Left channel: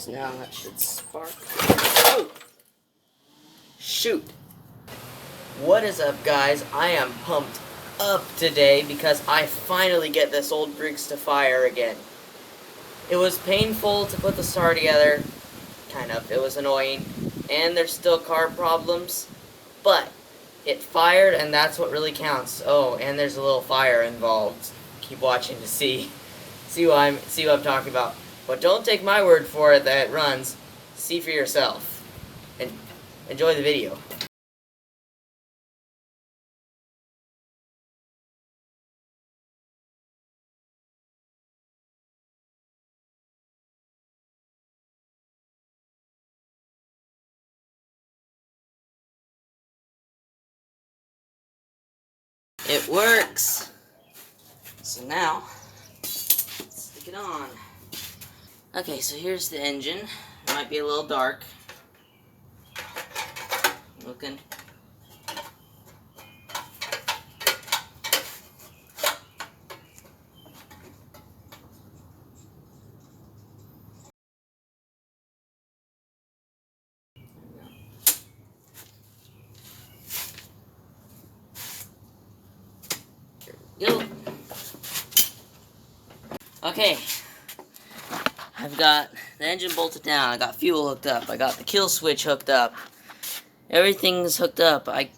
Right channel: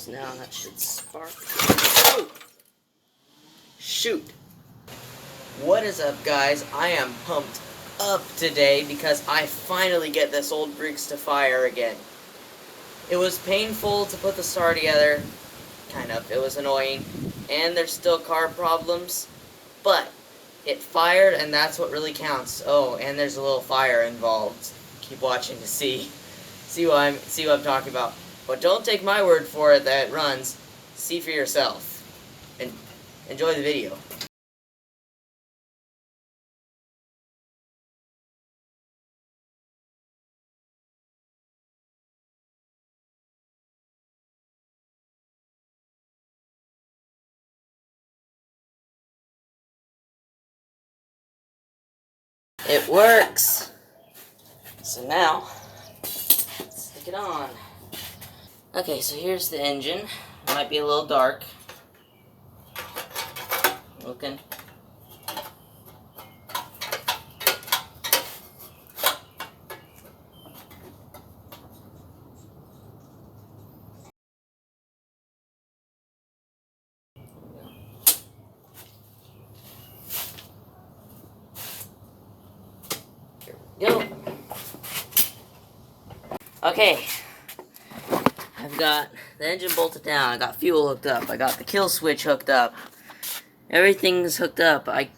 So now that should spark. Oh! Shoot! What is up, guys? I am pumped up today because I finally get this old Briggs to fire again. It was painful to put the star together, kind of. It was annoying, and there's still carb problems, but it fired, and that's what really counts. Oh, and there's a little fire involved. Keep watching to see what I'm talking about. But don't take my word for it that it runs. See for yourself, and enjoy the video. It works. So now, let's stick it on. Okay, so here's the engine. It might be a little dark. Looking. Here we go. Okay. I've got the engine bolted down, I got fuel hooked up, I got the Killswitch hooked up. Everything's hooked up. I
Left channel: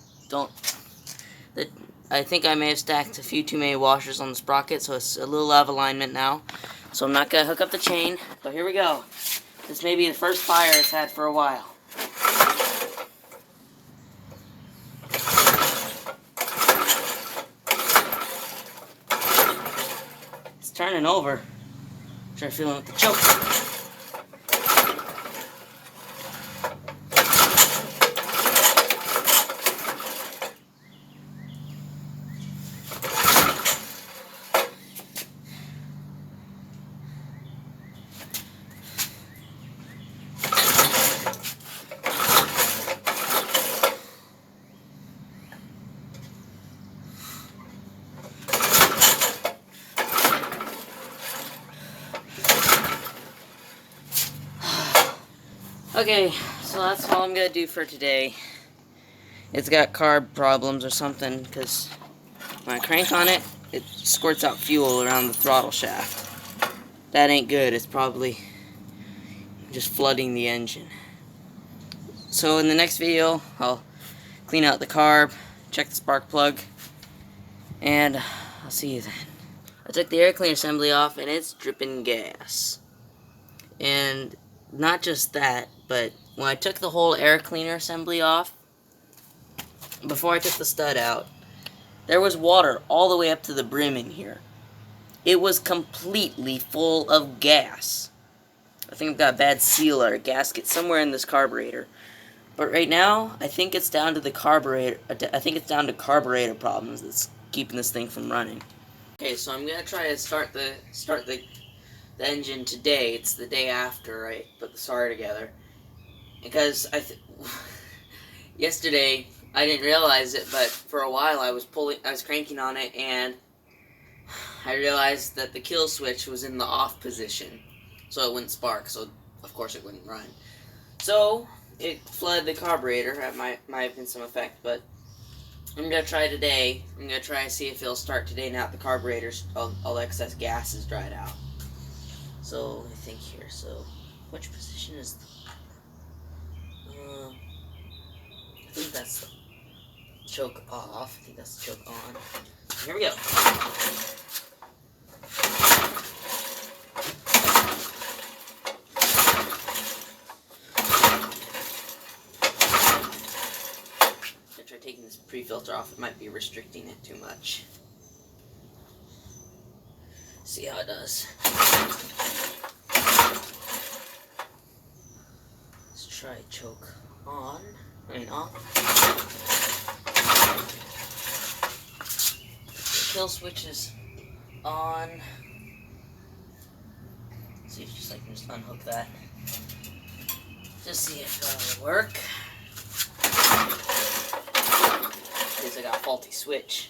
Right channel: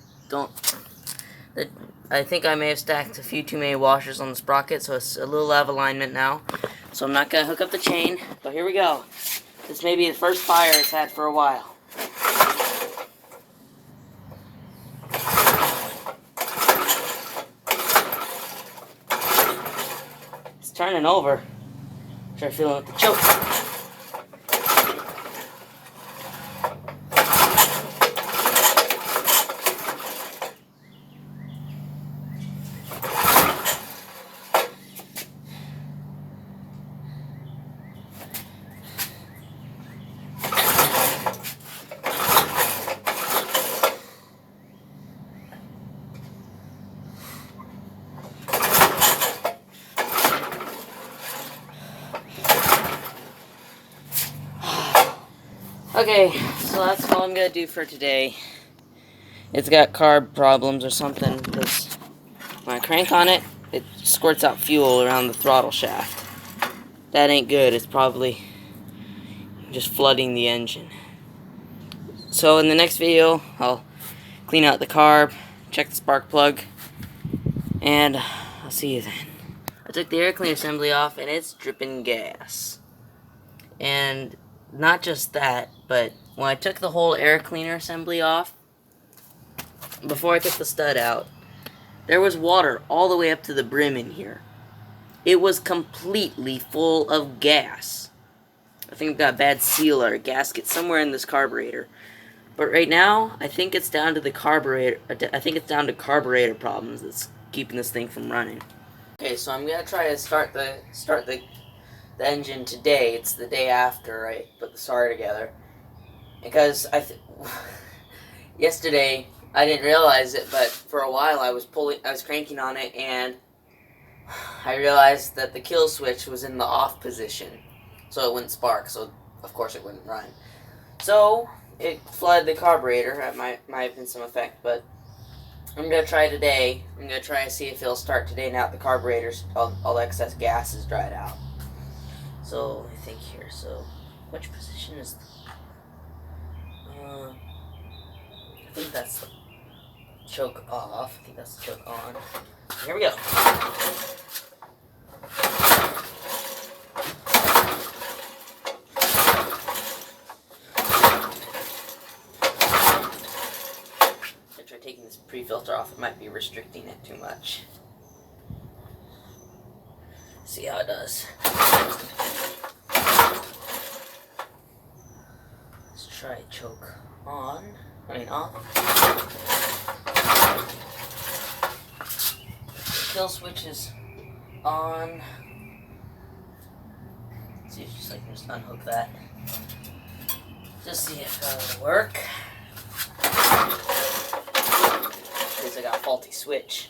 think I may have stacked a few too many washers on the sprocket, so it's a little out of alignment now. So I'm not going to hook up the chain, but here we go. This may be the first fire it's had for a while. It's turning over. Try feeling with the choke. Okay, so that's all I'm going to do for today. It's got carb problems or something, because when I crank on it, it squirts out fuel around the throttle shaft. That ain't good. It's probably just flooding the engine. So in the next video, I'll clean out the carb, check the spark plug, and I'll see you then. I took the air cleaner assembly off, and it's dripping gas. And not just that, but when I took the whole air cleaner assembly off, before I took the stud out, there was water all the way up to the brim in here. It was completely full of gas. I think I've got a bad seal or a gasket somewhere in this carburetor. But right now, I think it's down to the carburetor. I think it's down to carburetor problems that's keeping this thing from running. Okay, so I'm gonna try to start the engine today. It's the day after I put the star together, because yesterday I didn't realize it, but for a while I was cranking on it, and I realized that the kill switch was in the off position, so it wouldn't spark. So of course it wouldn't run. So it flooded the carburetor. That might have been some effect, but I'm gonna try today. I'm gonna try to see if it'll start today now that the carburetor's all excess gas is dried out. So, I think here, so, which position is I think that's the choke off, I think that's the choke on. Here we go. I try taking this pre-filter off, it might be restricting it too much. See how it does. Let's try choke on. Off. The kill switch is on. Let's see if I can just unhook that. Just see if that'll work. Because I got a faulty switch.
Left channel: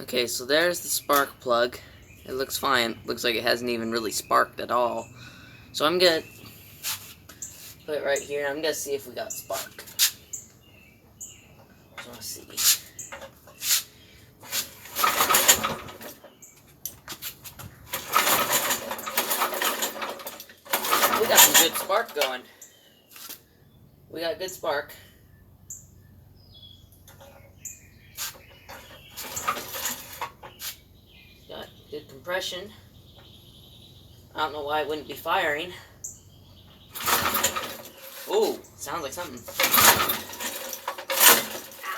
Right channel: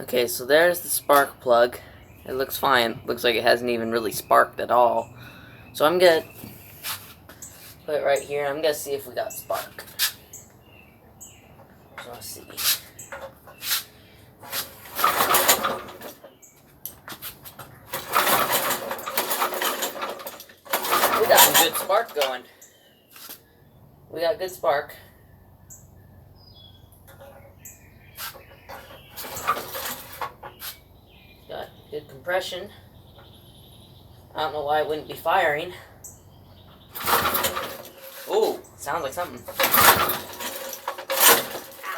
Okay, so there's the spark plug. It looks fine. Looks like it hasn't even really sparked at all. So I'm gonna put it right here. I'm gonna see if we got spark. So let's see. We got some good spark going. We got good spark. Got good compression. I don't know why it wouldn't be firing. Ooh, sounds like something.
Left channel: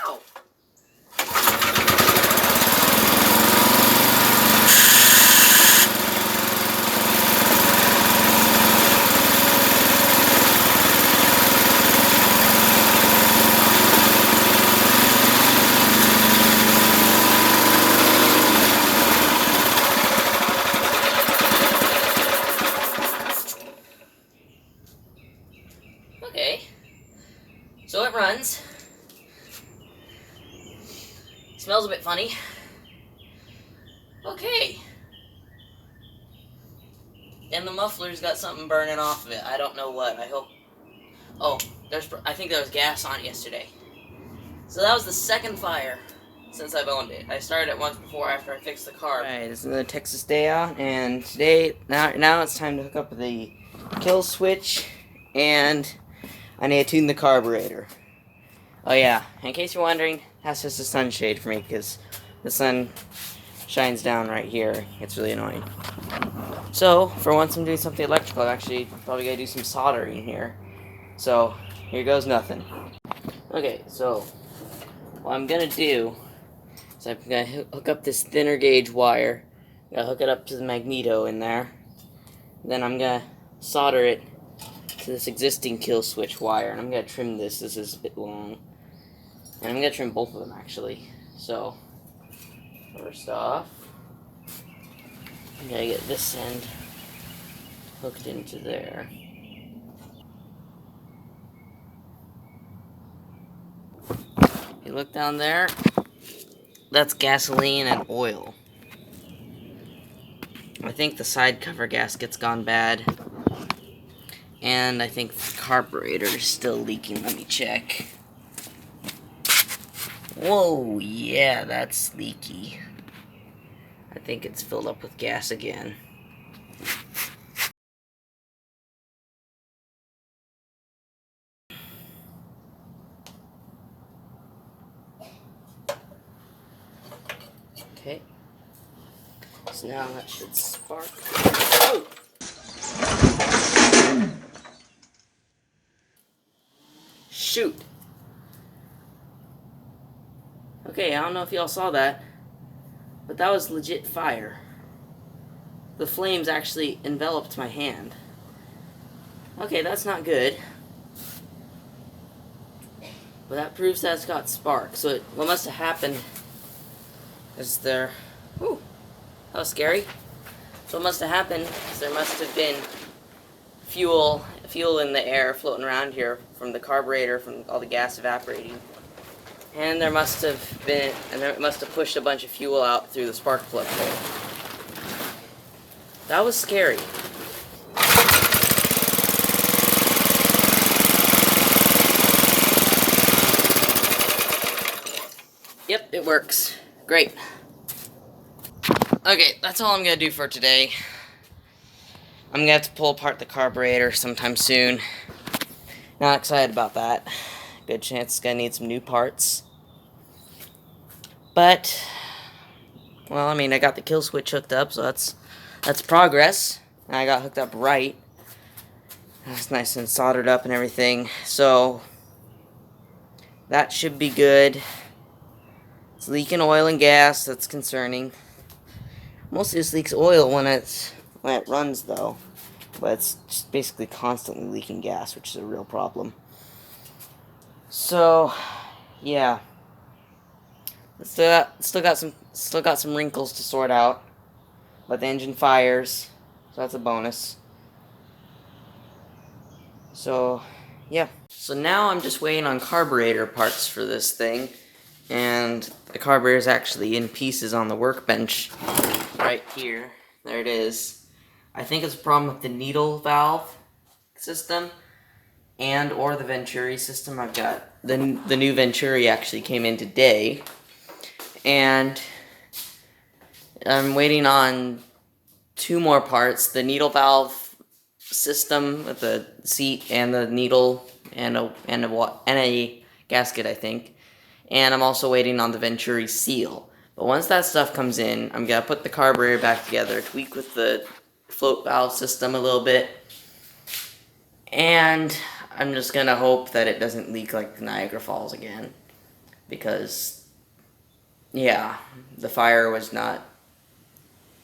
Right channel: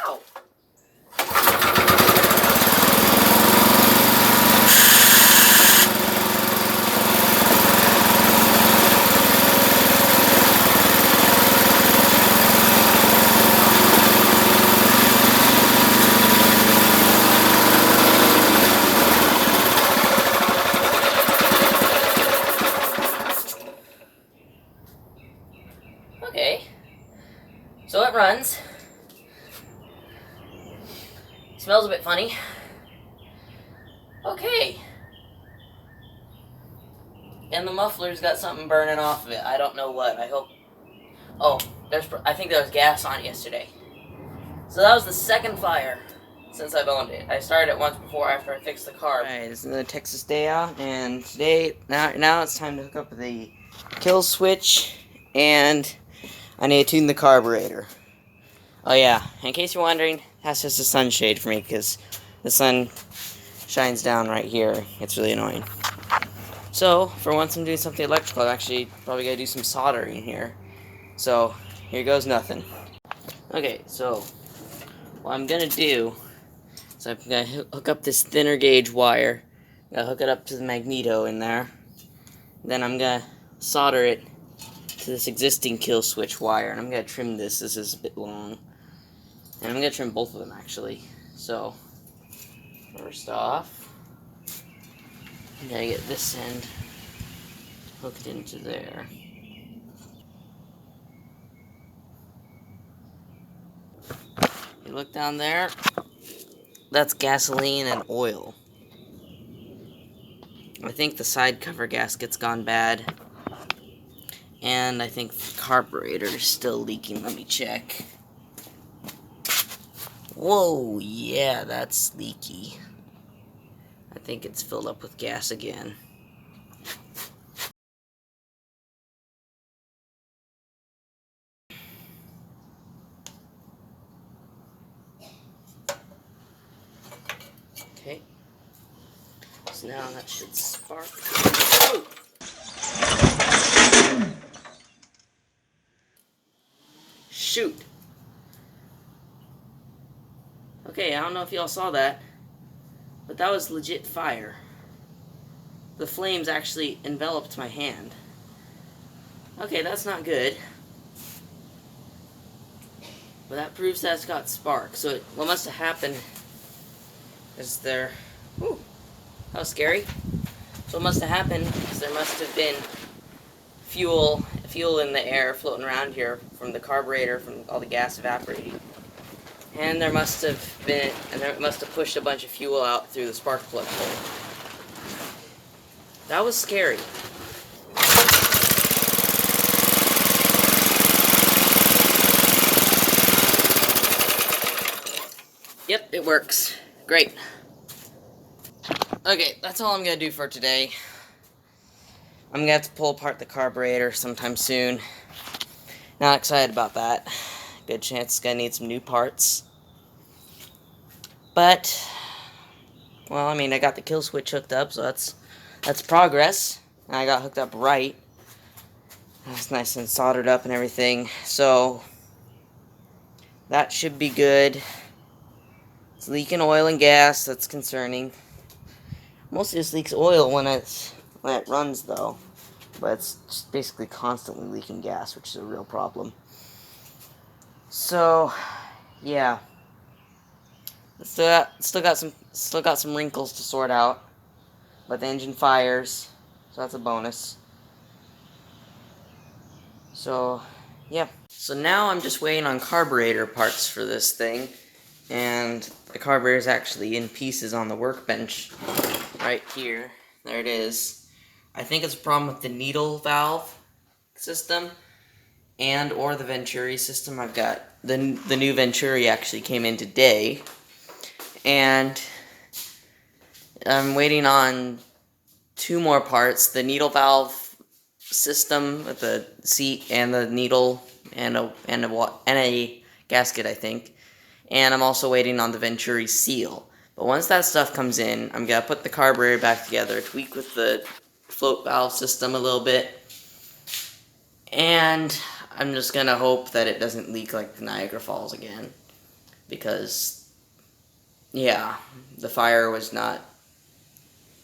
Ow! Okay, so it runs. Smells a bit funny. Okay. And the muffler's got something burning off of it. I don't know what. I hope... Oh, I think there was gas on it yesterday. So that was the second fire since I've owned it. I started it once before after I fixed the car. Alright, this is another Texas day out, and today, now it's time to hook up the Killswitch, and I need to tune the carburetor. Oh yeah, in case you're wondering, that's just a sunshade for me, because the sun shines down right here. It's really annoying. So, for once I'm doing something electrical, I'm actually probably going to do some soldering here. So, here goes nothing. Okay, so, what I'm going to do is I'm going to hook up this thinner gauge wire. I'm going to hook it up to the magneto in there. Then I'm going to solder it to this existing kill switch wire. And I'm going to trim this. This is a bit long. And I'm going to trim both of them, actually. So, first off, I'm going to get this end hooked into there. You look down there, that's gasoline and oil. I think the side cover gasket's gone bad. And I think the carburetor is still leaking. Let me check. Whoa, yeah, that's leaky. I think it's filled up with gas again. Okay. So now that should spark. Oh! Shoot! Okay, I don't know if y'all saw that, but that was legit fire. The flames actually enveloped my hand. Okay, that's not good. But that proves that it's got spark. So what must have happened is there... Whew, that was scary. So what must have happened is there must have been fuel in the air floating around here from the carburetor, from all the gas evaporating. And there must have pushed a bunch of fuel out through the spark plug hole. That was scary. Yep, it works. Great. Okay, that's all I'm gonna do for today. I'm gonna have to pull apart the carburetor sometime soon. Not excited about that. Good chance it's gonna need some new parts. But, well, I mean, I got the kill switch hooked up, so that's progress. And I got hooked up right. That's nice and soldered up and everything. So, that should be good. It's leaking oil and gas. That's concerning. Mostly just leaks oil when it runs, though. But it's just basically constantly leaking gas, which is a real problem. So, yeah. Still got some wrinkles to sort out. But the engine fires, so that's a bonus. So, yeah. So now I'm just waiting on carburetor parts for this thing. and the carburetor is actually in pieces on the workbench right here. There it is. I think it's a problem with the needle valve system and or the Venturi system. I've got the new Venturi actually came in today, and I'm waiting on 2 more parts: the needle valve system with the seat and the needle and a gasket, I think. And I'm also waiting on the Venturi seal. But once that stuff comes in, I'm gonna put the carburetor back together, tweak with the float valve system a little bit, and I'm just gonna hope that it doesn't leak like the Niagara Falls again, because yeah, the fire was not,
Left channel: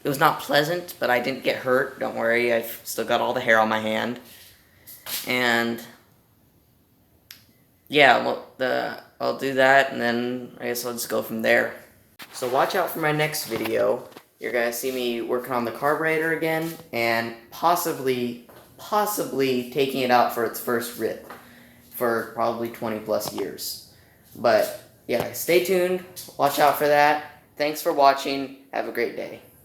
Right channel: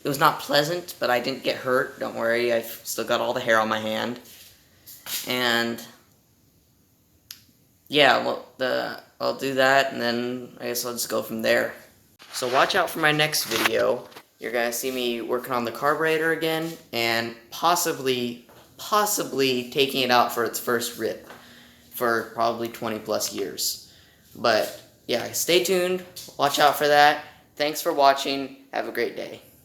it was not pleasant, but I didn't get hurt. Don't worry, I've still got all the hair on my hand. And yeah, well, I'll do that, and then I guess I'll just go from there. So watch out for my next video. You're gonna see me working on the carburetor again, and possibly taking it out for its first rip for probably 20 plus years. But yeah, stay tuned. Watch out for that. Thanks for watching. Have a great day.